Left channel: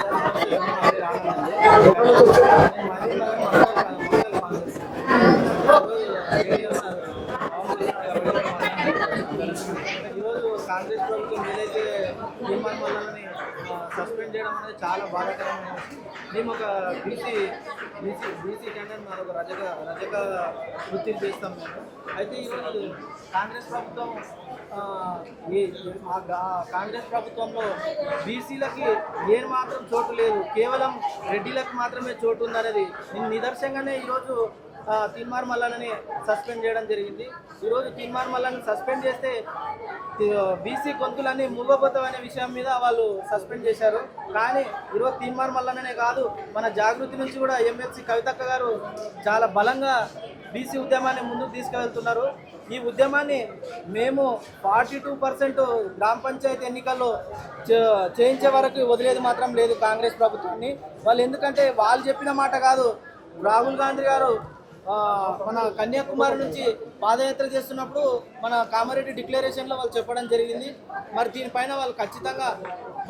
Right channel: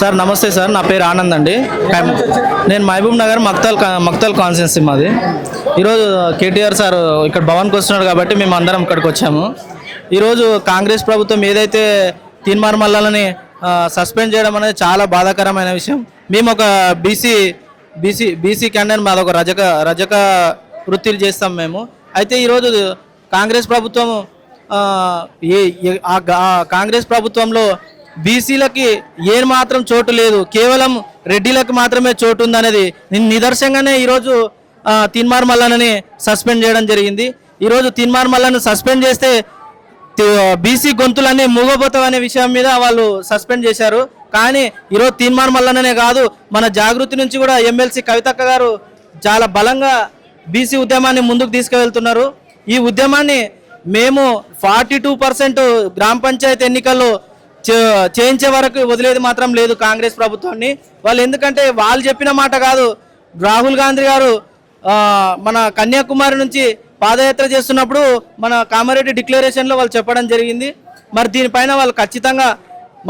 Sir నమస్తే sir, నా పేరు ఆనంద్ అండి. నేను మహబూబ్ నగర్ మక్తల్ కాన్స్టిట్యున్సీ మాది. ఈరోజు కేటీఆర్ సార్ ఇక్కడ భవన్కి వస్తున్నాడు కాబట్టి మేము అందరం ఇక్కడికి వచ్చాము. ఈరోజు కాంగ్రెస్ ప్రభుత్వం ఏదైతే తీన్మార్ మల్లాలని సస్పెండ్ చేయడం అనేది చాలా బాధాకరమైన విషయం. మేము ఒక బీసీ క్యాండిడేట్, మాది ఒక రజక వృత్తిలు చేస్తాం మేము. అయితే ఈరోజు కాంగ్రెస్ ప్రభుత్వం కాంగ్రెస్ ప్రభుత్వంలో బీసీలకి ఏమాత్రం చోటు లేదు, కేవలం రెడ్డిలకు మాత్రమే చోటు ఉందనేది నిదర్శనంగానే ఈరోజు తీన్మార్ మల్లాని సస్పెండ్ చేయడం జరిగింది. ఈరోజు తీన్మార్ మల్లాని సస్పెండ్ చేస్తే బీసీ గొంతులన్నీ మూగబోతామనే విషయం మీద వాళ్ళు సస్పెండ్ చేశారు. కానీ ఈరోజు తీన్మార్ మల్లానే కాదు, మన జాగృతి నుంచి కూడా ఎమ్మెల్సీ కవితక్క గారు చాలా బలంగా బీసీ ఉద్యమాన్ని ముందుకు తీసుకువెళ్తున్నారు. ఈ ఉద్యమాన్ని మేము 42% గ్రామ పంచాయతీ ఎన్నికల్లో చేయించే వరకు వదిలేది మాత్రం లేదు కాంగ్రెస్ ప్రభుత్వాన్ని. వాళ్ళు ఎందుకంటే వాళ్ళు చెప్పిన మాట కాదు, రాహుల్ గాంధీ గారు మన కన్యాకుమారి నుంచి పాదయాత్ర చేస్తున్నప్పుడు మన కామారెడ్డి డిక్లరేషన్లో వాళ్ళు చెప్పడం జరిగింది. మరి దీనిపైన వాళ్ళు ఖచ్చితంగా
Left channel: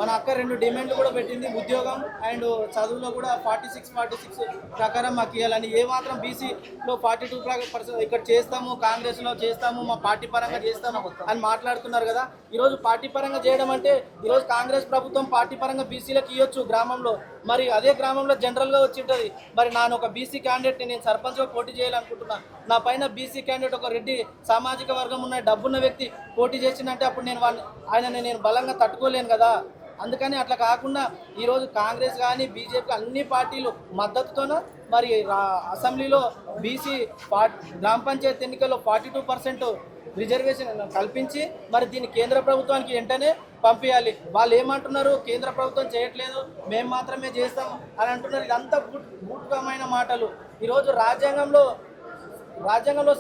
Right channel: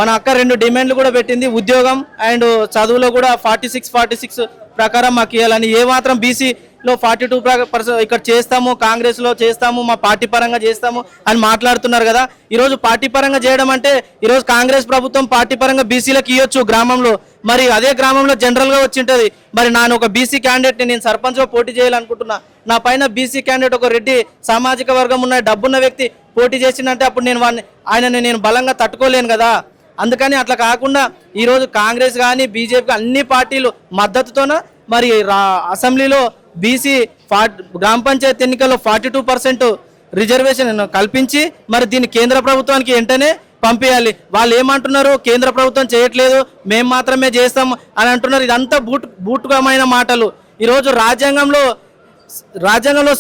మన అక్క 2 డిమాండ్లు కూడా పెట్టింది, ఉద్యోగం అండ్ చదువులో కూడా 46 ప్రకారం మాకు ఇవ్వాలని. ఏ మాత్రం బీసీలో 42% ఇక్కడ చేస్తాము, కాంగ్రెస్లో చేస్తాము, మా పార్టీ పరంగా చేస్తాము అని మాట్లాడుతున్నారు కదా. ఈరోజు పార్టీ పరంగా చేయడం అంటే ఈరోజు కాంగ్రెస్ ప్రభుత్వం పార్టీ పరంగా బీసీలకు ఇవ్వచ్చు గ్రామంలో, మరి అదే గ్రామంలో జనరల్గా వచ్చి ఉంటుంది. మరి నేను ఒక బీసీ క్యాండిడేట్ని నేను సర్పంచ్గా పోటీ చేయాలనుకుంటున్నా, నా పైన బీసీ క్యాండిడేట్ ఒక రెడ్డి సామాజిక వర్గం ఉన్న డబ్బున్న వ్యక్తి పోటీ చేసిందంటే అప్పుడు ఆయనని నేను బలంగా తట్టుకోలేను కదా. అందుకని అట్లా కాకుండా ఈరోజు కాంగ్రెస్ కానీ బీజేపీ అన్ని పార్టీలు మద్దతుతోన మరి అసెంబ్లీలో బీసీ గ్రామ పంచాయతీ ఎన్నికల్లో 42% రిజర్వేషన్ కల్పించి మరి దీన్ని కేంద్ర ప్రభుత్వానికి వెంటనే పంపేయాలి. వాళ్ళు ఏమంటున్నారు, కేంద్ర ప్రభుత్వం చేయట్లేదు, మేము మాత్రమే చేస్తాము అని అంటున్నారు. ఇదంతా బూటుకమైన మాటలు. ఈరోజు రాజ్యాంగంలో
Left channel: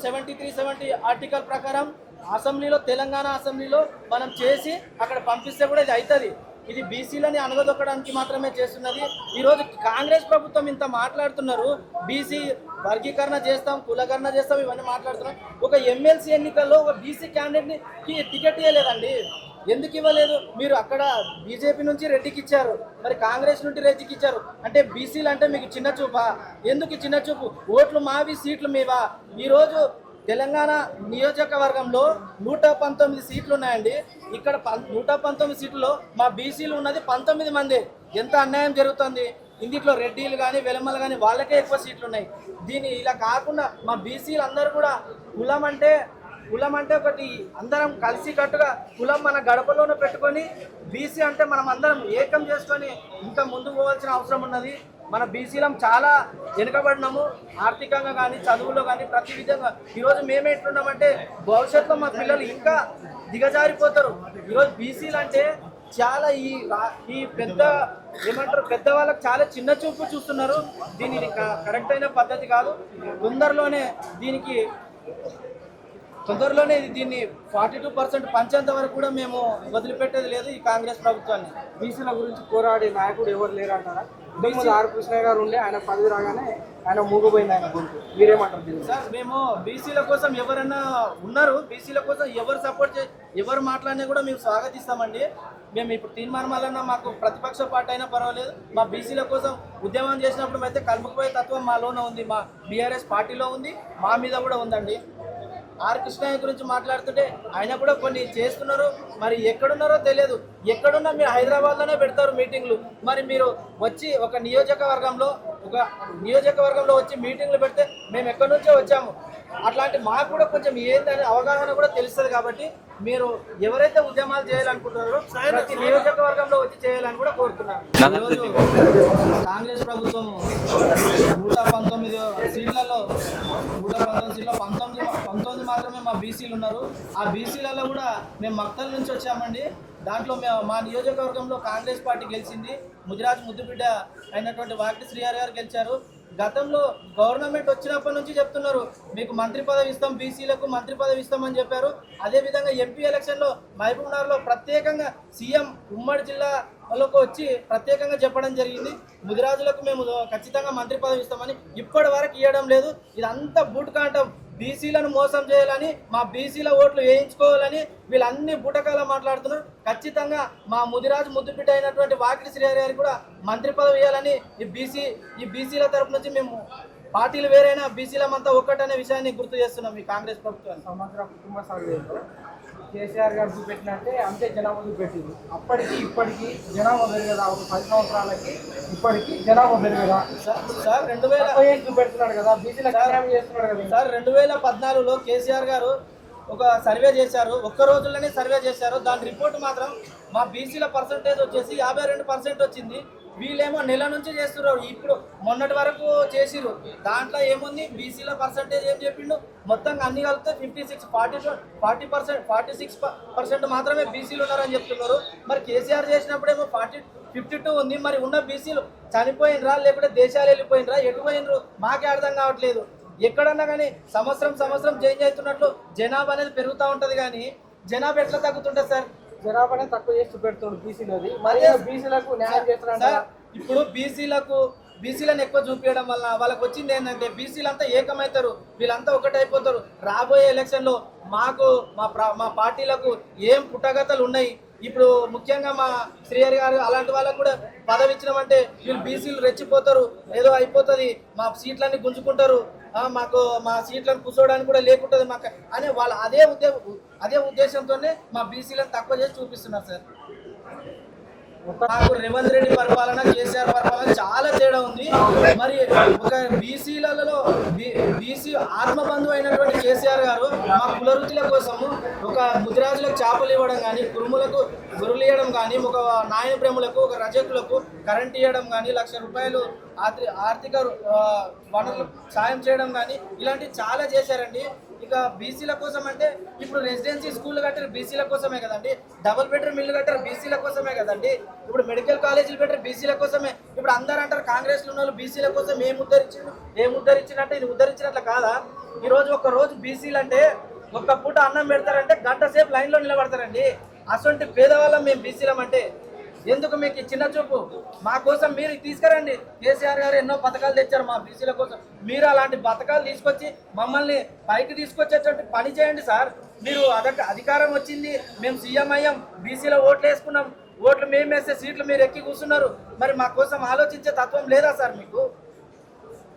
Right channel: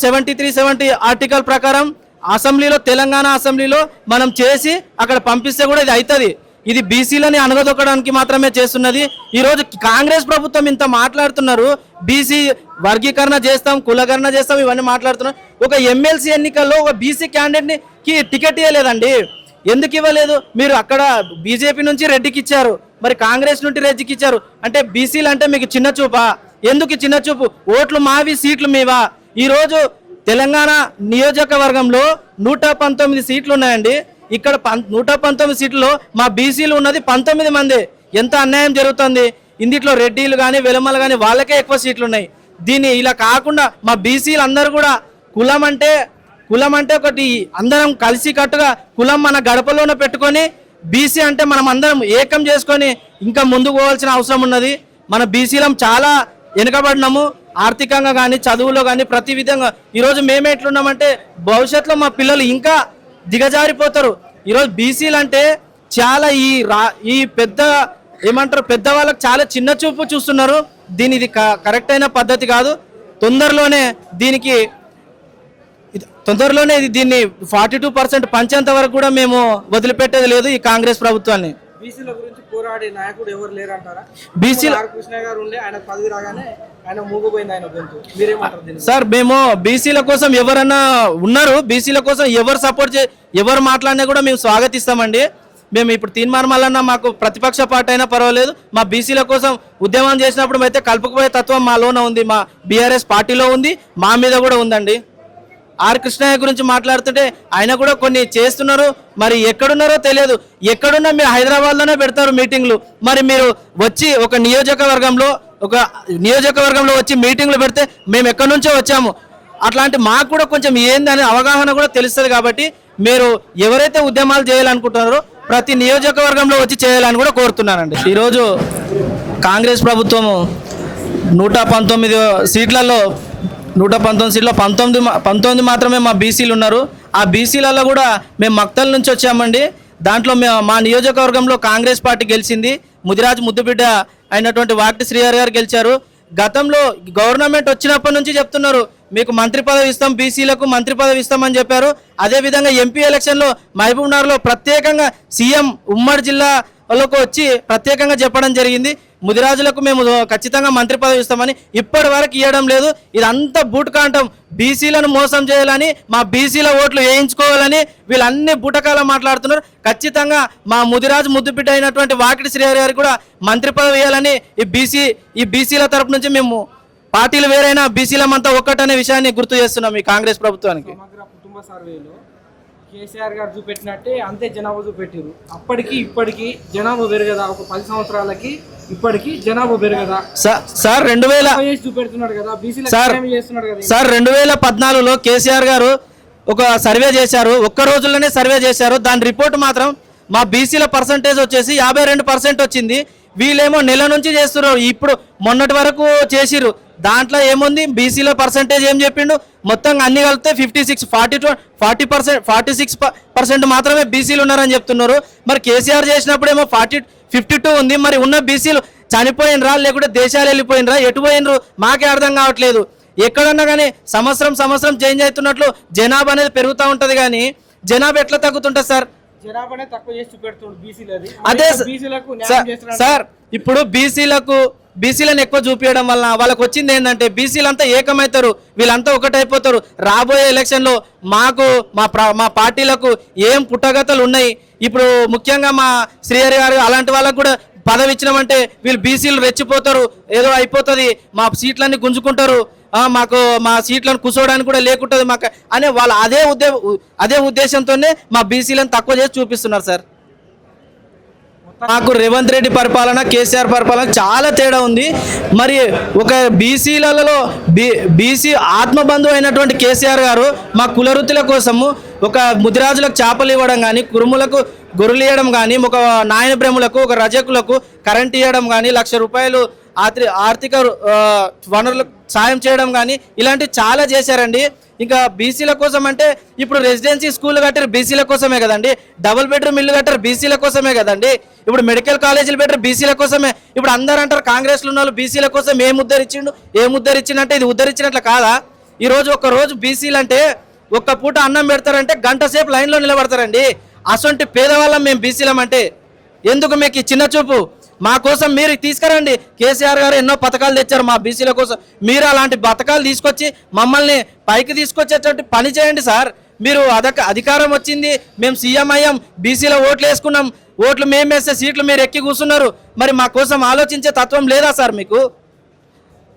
73-70 ఆర్టికల్ ప్రకారం అసెంబ్లీలో, తెలంగాణ అసెంబ్లీలో మనం చేసి అక్కడ పంపిస్తే కూడా ఇది అవుతుంది. ఇది బీసీలని అనగదొక్కడానికి మాత్రమే చేస్తున్నది. ఈరోజు కాంగ్రెస్ ప్రభుత్వం ఇంత మాట్లాడుతున్నారు, బీసీ వర్గీకరణ చేస్తాం, కులకరణ చేస్తాం, ఇవన్నీ మాట్లాడుతున్నారు. ఒక ఎమ్మెల్సీ ఎన్నికల్లో ఒక బీసీ క్యాండిడేట్కి టికెట్ ఇవ్వలేదండి. ఎందుకు ఇవ్వలేదు? మీరు అక్కడ బీజేపీ నుంచి రెడ్డికి ఇచ్చారు, మరి కాంగ్రెస్ నుండి రెడ్డికి ఇచ్చారు. అంటే బీసీలు అంటే మీకు చిన్న చూపా? ఎందుకు చిన్న చూపు? ఓట్లు మావి, సీట్లు మీవా? ఈరోజు తెలంగాణ నియోజకవర్గంలో 119 సీట్లు ఉన్నాయండి. ఇక్కడ 119 సీట్లలో మా బీసీలు ఉన్నది 19 మంది. ఎంత అన్యాయం జరుగుతుంది. ఇందిట్లో రెడ్డిలు కానీ వెలమలు కానీ వాళ్ళకే ఎక్కువ సీట్లు ఉన్నాయి. దీన్ని ఇలా కాకుండా మా బీసీలు అందరూ కూడా కులం అంటే ఒకటి అందరం కలిసి కట్టుగా కులం మన గడపలోనే పెట్టుకొని బీసీ అంటే మనం అందరం ఏకం చేసుకొని ఇంకా ముందుకు పోవాల్సిన అవసరం ఉన్నది. మన బీసీలం చాలా వెనుకబడినాము, ఆర్థికంగా కానీ చదువులో కానీ ప్రతి విధంగా. ఈరోజు మేము ఎట్లున్నామంటే భవిష్యత్తులో మా పిల్లలు ఇంకా దిగజారిపోతారు. ఈరోజు బీసీలు అంటే చాలా ఈ పెద్ద వాళ్ళకి చాలా చిన్న చూపు చూస్తున్నారు. ఇది కరెక్ట్ అయిన పద్ధతి కాదు. తొందరలోనే దీన్ని 42% పంచేంత వరకు కూడా మేము వదిలిపెట్టేది లేదు ఈ కాంగ్రెస్ ప్రభుత్వాన్ని. బీసీల గురించి పోరాడే నాయకుడు ఎవరు లేరంటారా? బీసీల కృష్ణ గారు ఉండే, ఆయన పదవి రాగానే ఆయన మూగపోయింది ఆయన గొంతు. మీరేమంటారు సార్? మేము బీసీల కోసం ఎవరన్నా ఉన్నారు, బీసీల కోసం ఎవరు మాట్లాడినా కూడా మేము స్వాగతిస్తామండి. మేము ఇప్పుడు తీన్మార్ మల్లన్న మాకు ప్రతిపక్ష పార్టీ అయినా పర్వాలేదు, మా బీసీల కోసం ఉద్యమం చేసినప్పుడు అయితే కలుపుకుపోయే తత్వం మాలోనే ఉంది, మా బీఆర్ఎస్ పార్టీలో ఉంది, మా మీద కూడా ఉందండి. ఆర్ కృష్ణయ్య గురించి మాట్లాడుతుంటే ఆయన కూడా కొన్ని చేస్తున్నారు, మరి ఎక్కడున్నారో తెలియదు. ఎక్కడున్నా మీరు హైదరాబాద్లోనే పెడతారు మీటింగ్లు. మరి మీరు వచ్చి ఒక నియోజకవర్గంలో వచ్చి మీటింగ్లు పెడితే మేము ఎక్కడి నుంచో వచ్చాము, అట్లాంటి మాకు కూడా కొంచెం ఏందనే అవగాహన కూడా తెలుస్తుంది. కాబట్టి మీరు ఎవరైతే ఉద్యమాలు చేయాలనుకుంటున్నారో ప్రతి నియోజకవర్గంలో వచ్చి చేయాలని కూడా కోరుతున్నానండి. ఈరోజు కాంగ్రెస్ ప్రభుత్వము 119 సీట్లలో 19 మాత్రమే మా బీసీలు ఉన్నారు. ఆ బీసీలలో కూడా మేము మక్తల్ నుంచి వచ్చామండి. దాంట్లో మా నియోజకవర్గంలో కాంగ్రెస్ పార్టీ గెలిచింది. ముదిరాజ్ ముద్దుబిడ్డ అయినటువంటి వాక్టి శ్రీహరి గారు గెలిచారు. గతంలో గవర్నమెంట్ వచ్చినప్పటి నుంచి చెప్తున్నారు మీకు మంత్రి పదవి ఇస్తాం, బీసీలకు మంత్రి పదవి ఇస్తామని చెప్పారు. అదేవిధంగా ఎంపీ ఎలక్షన్లో మహబూబ్ నగర్లో ప్రత్యేకంగా సీఎం ఉమ్మడి జిల్లాలోకి వచ్చి ప్రత్యేకంగా చెప్పడం జరిగింది. ముదిరాజులకు మేము ఖచ్చితంగా మంత్రి పదవి ఇస్తామని ఇప్పటి వరకు ఇవ్వడం లేదు. ఇదంతా బూటకాంటం. బీసీలను మోసం చేయాలని, మా బీసీల ఓట్లు వేయించుకోవాలని వీళ్ళన్ని బూటకాలు మాట్లాడుతున్నారు. ఖచ్చితంగా మా ముదిరాజు ముద్దుబిడ్డ అయినటువంటి వాకిటి శ్రీహరి గారికి కూడా మంత్రి పదవి ఇవ్వాలని ఈ బీసీల తరపు నుంచి మేము పార్టీలు వేరైనా బీసీలమంతా ఒక్కటనే విషయాన్ని గుర్తు చేస్తున్నాం ఈ కాంగ్రెస్ ప్రభుత్వానికి. సమగ్ర కుటుంబ సర్వేలో కేసీఆర్ గారు చూపెట్టినట్టే అంతే జనాభా చూపెట్టారు. అప్పటికి ఇప్పటికి జనాభా పెరగదా? ఒక 10 సంవత్సరాలకి ఇప్పటికి జనాభా పెరగదా? సార్ 2000 చూపెడుతున్నాడు కదా, బీసీలకు చేస్తున్నాడు కదా. సార్ 2014లో కేసీఆర్ గారు ఒక సర్వే చేశారు. ఒక్క రోజుల్లోనే సర్వే చేశారు. దాని రిపోర్ట్ మాత్రం మా బీసీల పర్సంటేజ్ వచ్చేసి 52% వచ్చింది. వీళ్ళేమో నెల నుంచి చేస్తున్నారు. ఇప్పుడు మొన్నటి వరకు చేసిర్రు. దాంట్లో ఏముంది, బీసీల పర్సంటేజ్ ఏం చెప్పిండు, మొత్తంగా అన్ని కలిపితే 46% మాత్రమే బీసీలు ఉన్నారని చెప్తున్నారు. మరి కేసీఆర్ చేసినప్పుడేమో 52 ఉంది. మరి ఉన్న బీసీలు చనిపోయినరా లేకుంటే దేశాలు వెళ్ళిపోయినరా, ఎటు పోయినరు మాకే అర్థం కావట్లేదు. ఎక్కడన్నా కానీ సంవత్సరం చేంజ్ అవుతున్నట్లు జనాభా అనేది పెరుగుతూ ఉంటుంది. కానీ జనాభా ఎట్లా తగ్గుతుంటుంది సార్? జనాభానే తక్కువ చేసి చూపెడుతున్నాడు బీసీలది. అదే బీసీలకు సార్, ఇప్పుడు బీసీలను ఎక్కువ చూపించడం వల్ల వాళ్ళకి వచ్చింది ఏంటంటే బీసీలంతా ఏకమవుతారు, వీళ్ళంతా ఒకటైపోతారు. రాబోయే ఎలక్షన్లో మా పార్టీలకు ఏం పుట్టగతలు ఉన్నాయి. ఇప్పుడు ముఖ్యంగా మా శ్రీహరి గారు అలాంటి వాళ్ళకు కూడా పదవి ఇచ్చినామంటే వీళ్ళు బీసీలు రెచ్చిపోతారు, ఏదో అయిపోతుంది, మా సీట్లన్నీ గుంజుకుంటారు, మాకు మా సీట్లను కూర్చోవడానికి కూడా లేకుంటుంది మాకు అనే వాళ్ళు అదే ఉద్దేశంతోనే మా బీసీలను తక్కువ చేసి చూపిస్తున్నారు సార్. మాకు రేవంత్ రెడ్డి పరిపాలన, కేసీఆర్ పరిపాలన చాలా తేడా ఉంది. మరి ఒక బీసీలలో బీసీ ఆత్మబంధు అయినటువంటి కేసీఆర్ గారు మా కులవృత్తుల కోసము ఒక ముదిరాజులకు చేపలు ఇవ్వడం కానీ, కురుములకు గొర్రెలు ఇవ్వడం కానీ, ఒక నాయన బ్రహ్మలకు, ఒక రజకులకు కరెంట్ ఇవ్వడం కానీ, ₹1,00,000 ఆర్థిక వనరులకు సాయం చేయడం కానీ ఇలాంటివి చాలా చేశారండి. ఇంకా బీసీల కోసం అంటే ఇప్పుడు రెసిడెన్సీ స్కూల్ కట్టారు బీసీల కోసమే కదండి, డబుల్ బెడ్రూమ్ ఇల్లు కట్టారు బీసీల కోసమే కదండి, ఇప్పుడు మెడికల్ కాలేజీలు పెట్టారు బీసీల కోసమే. ఇప్పుడు అందరూ అంటారు కాంగ్రెస్లో ఉన్న వాళ్ళు బీసీల కోసం ఏం ఉద్ధరించిందంటే ఇది ఉద్ధరించినట్లు కాదా? ఈరోజు ఒక రోజు బీసీలు అంటే ఒక్క పూట అన్నం పెడతారంటే గంట సేపు లైన్లో నిలబడతారండి. అసొంటి పేదవాళ్ళం మేము బీసీలం అంటే. ఎందుకు మీకు ఈ చిన్న చూపు? మా కోసం మీరు తీసుకురండి. కేసీఆర్ గారు ఎన్నో పథకాలు తెచ్చారు మా బీసీల కోసం. మీరు అలాంటి పథకాలు తీసుకొచ్చి మమ్మల్ని పైకి తీసుకొచ్చేటట్టు పని చేయండి సార్. మీరు అధికారం వచ్చింది, మేము సీఎం అయ్యాం, బీసీలో ఓట్లు వేసుకున్నాం, ఓట్లు మేము వేస్తే సీట్లు మీరు ఎక్కి కూర్చున్నారు. మరి మా కోసం ఆలోచించే తత్వం లేదా సార్ మీకు?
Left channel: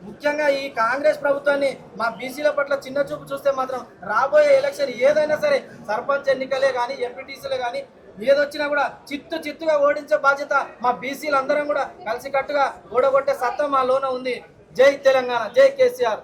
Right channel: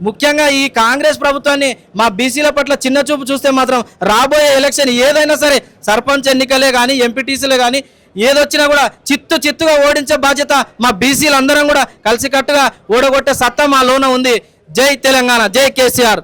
ముఖ్యంగా ఈ కాంగ్రెస్ ప్రభుత్వాన్ని మా బీసీల పట్ల చిన్న చూపు చూస్తే మాత్రం రాబోయే ఎలక్షన్ ఏదైనా సరే, సర్పంచ్ ఎన్నికలే కానీ, ఎంపీటీసీలే కానీ, ఏదొచ్చినా కూడా చిత్తుగా ఓడించే బాధ్యత మా బీసీలు అందరం కూడా కలిసికట్టుగా ఓడగొట్టే సత్తా మా లోన ఉంది. జై తెలంగాణ, జై కేసీఆర్.